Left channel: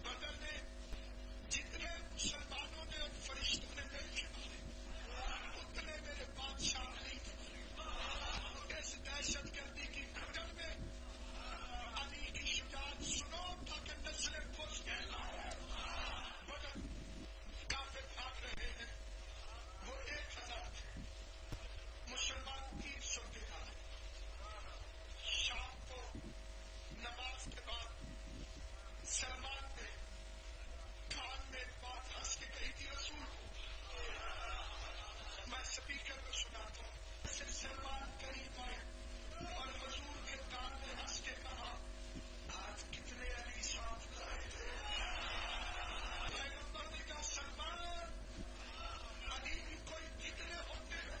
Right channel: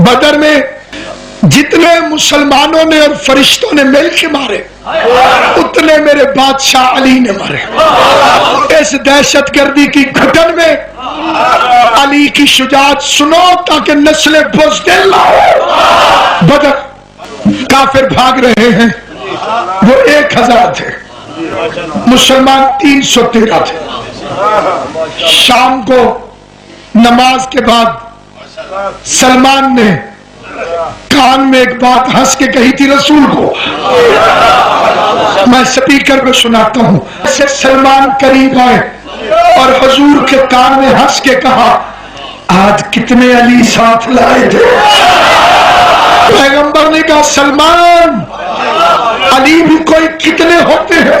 बदर में जितने मुसलमानों ने और फरिश्तों ने मिल के मारे उतने मेरे बादशाह अली ने मारे। इस दहशतगर्दी की घुटन में अली की शुजाअत सुनो ताकि नस्लें बुज़दिल ना हो। बदर काफिर भाग रहे हैं, वो 1000 थे, मुसलमान 313 थे। शाम को नमाज के बाद सलमान ने कान में एक बात हंस के कही थी रसूल को, मैं स्पीकर पे सुनाता हूं। ऐसे सलमान करीब आए और हुजूर के कान में हंस के कहा, आज कितने अली साथ लाए थे। पैगंबर ने कहा, सलमान अली भी कोई कितने होते हैं।